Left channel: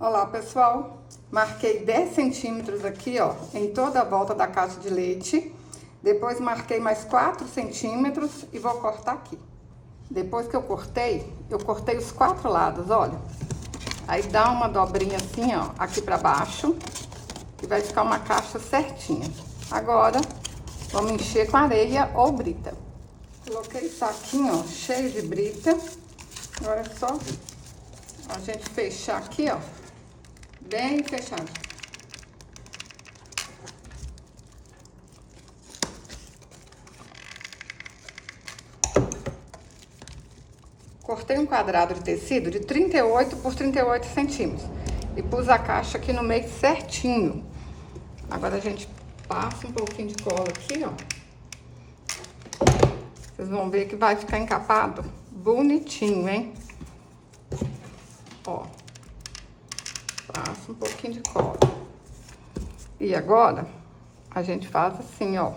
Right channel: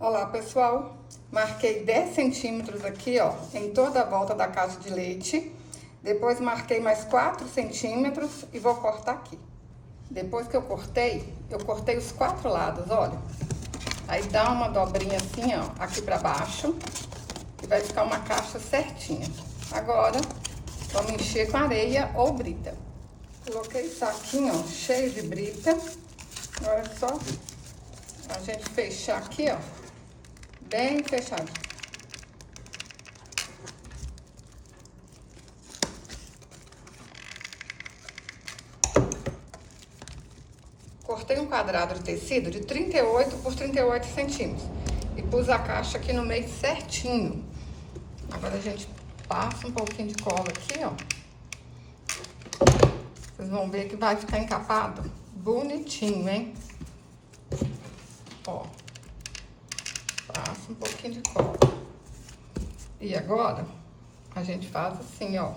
Olá, pessoal, marquei 10 centímetros aqui, ó, em toda a volta da caixa de leite. Depois marquei mais 4 centímetros e vou cortar aqui. Depois que eu cortei os 4 lados, olha. Aí dá uma dobrinha assim, ó, aqui pra baixo, e vai ficar uma caixa certinha. Agora, vamos encher com areia ou brita. Coloquei o saquinho, ó, cheio de brita. Agora é só a gente fechar aqui, ó, bem fechado. Cortei um quadrado de tecido de 38 por 38 centímetros e pus a caixa aqui no meio certinho. Agora a gente passa um pouquinho de cola aqui, ó. Vocês vão ver que vai ficar encapado bonitinho, hein? Ó. Passa um pouquinho de cola. E agora, a gente faz assim, ó.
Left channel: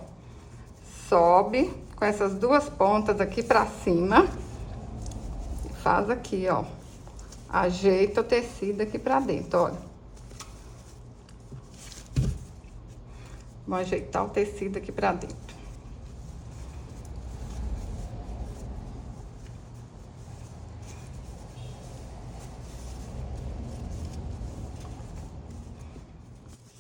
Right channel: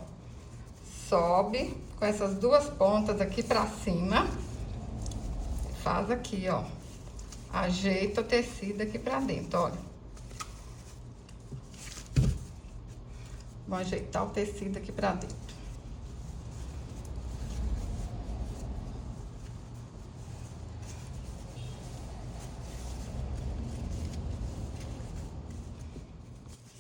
Sobe com essas duas pontas aqui pra cima. Faz aqui, ó. Ajeita o tecido aqui pra dentro, olha. Vou ajeitar o tecido aqui pra dentro.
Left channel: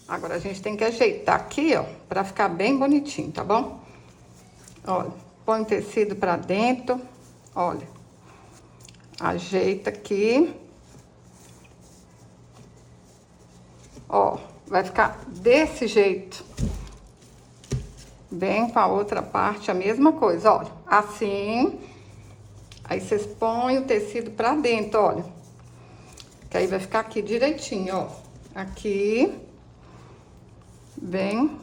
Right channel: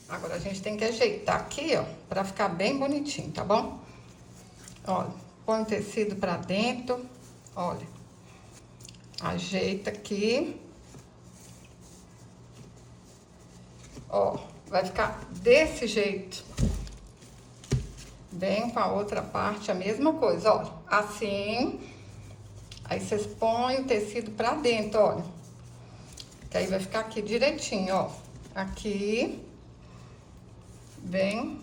Agora, a gente tem que ajeitar aqui, ó, pra ficar bem bonitinho, tá bom? Olha, põe o tecido pra dentro, olha. Ajeita aqui. Ó, vai ficar desse jeito. Vem com a outra parte a mesma coisa, olha. Assim. Aí, vocês põem o tecido pra dentro, olha. Que aí vai ficar aqui direitinho, ó. Aqui. Vem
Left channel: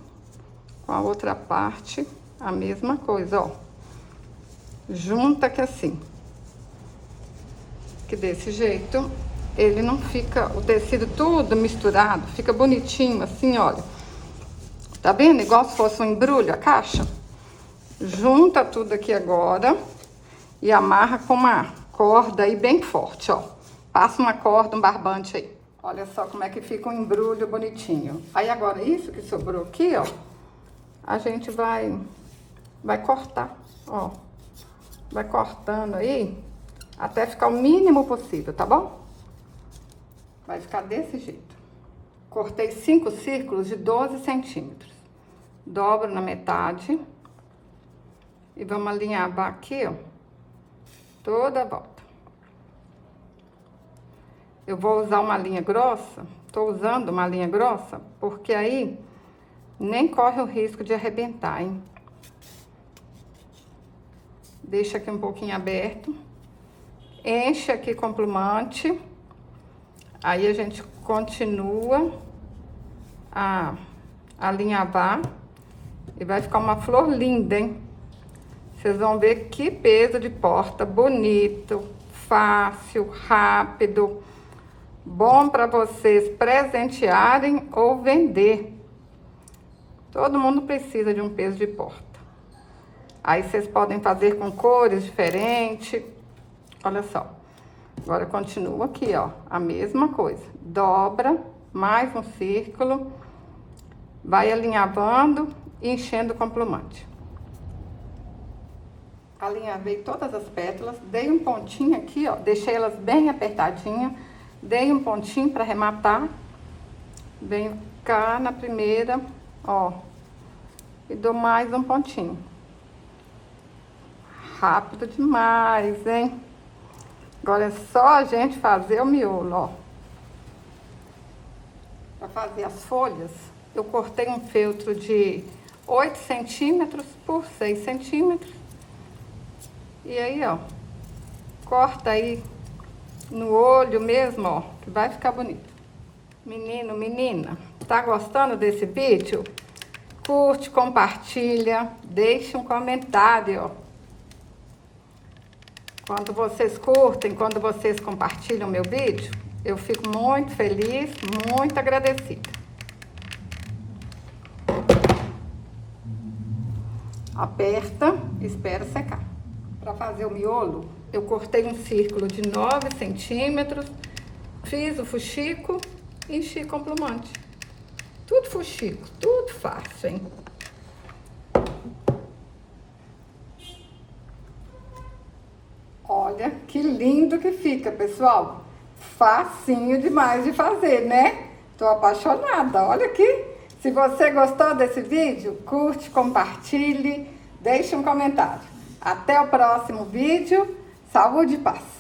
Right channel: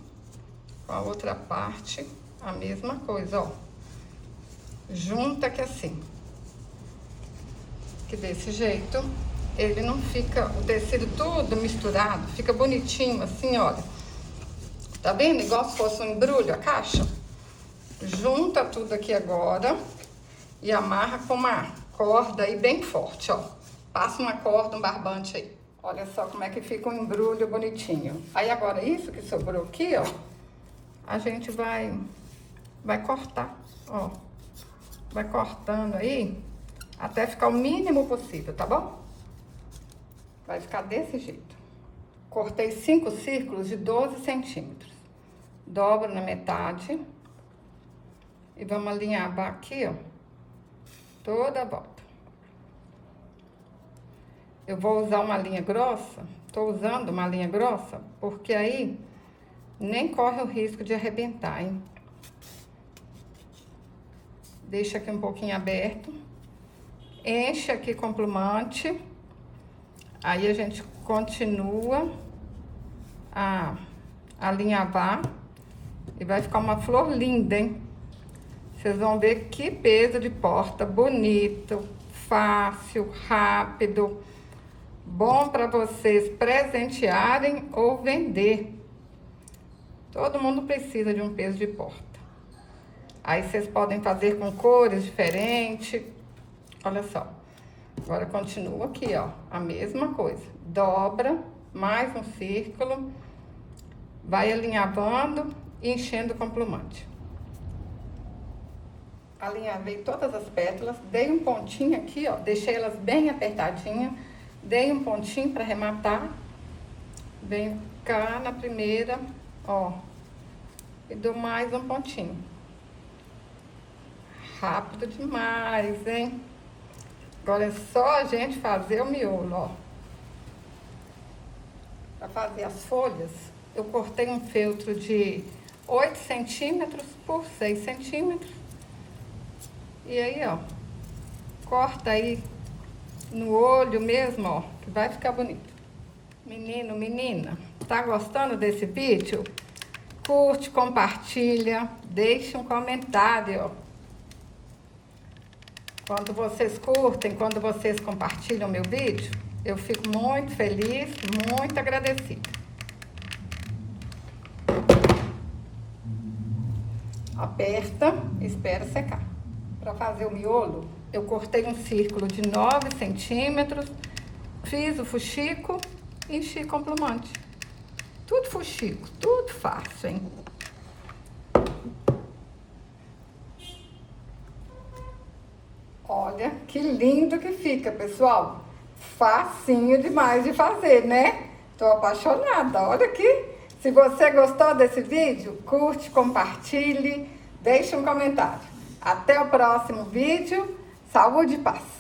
com a outra parte, a mesma coisa, ó. Junta aqui assim. Que desse jeito, ele não fica, o tecido tudo misturado, fica bonitinho assim, olha. Tá vendo? Igual se fosse um embrulho a caixa. Junta tudo aqui agora e amarra com uma corda aí bem forte, ó. Passa uma corda, um barbante aí. Olha só como é que fica um embrulho bonitinho. Aí agora isso que sobrou aqui, ó, a gente vai cortar, ó. Vai cortando aí até ficar o mínimo possível, tá bom? Vai ficar desse jeito. Cortei 5 círculos de 12 centímetros. Dobro na metade. E vamos alinhavar aqui, ó, toda a volta. Eu vou usar uma linha grossa, tô usando uma linha grossa, porque aí nem corre o risco de arrebentar, hein? Deixa aqui um pouquinho aberto. Enche aqui com plumante. Aí a gente continua a alinhavar. E vai ficar uma flor linda, hein? Vocês vão ver que peso de porta bonito, fácil, rápido. Bom para vocês presentearem ou vender. Todo mundo precisa de um peso de porta. Aí vocês podem fazer com cores diferentes. Olha só. Agora continua aqui, ó, a mesma coisa. Dobra mais um círculo. Vai alinhavando e enchendo com plumante. Alinhavei todas as pétalas, dei um pontinho aqui, ó, deixei elas bem apertadinhas. Dei um pontinho para arrematar. Venho cá na primeira, ó. E dou mais um pontinho. Rápido demais, hein? Agora é só a gente fazer o miolo, ó. Para fazer as folhas, eu cortei um feltro de 8 centímetros por 6 centímetros. E aí, ó. Corta aí no olho mesmo, ó, que vai ficar bonito. Menino, menina, tá gostando desse vídeo? Curte, compartilha, deixa um comentário, ó. Quando vocês curtem, quando vocês compartilham meu vídeo, eu fico muito feliz, muito agradecida. Aperta, espera secar. Para fazer o miolo, eu cortei um círculo de 9 centímetros, Fiz o fuxico e enchi com plumante. Tudo fuxico, tudo fácil, hein? Olha que lindo que fica, pessoal. Facinho demais de fazer, né? Tô apaixonada, olha aqui. Se você gostou desse vídeo, curte, compartilhe, deixe um comentário. Até o próximo vídeo. Saúde e paz.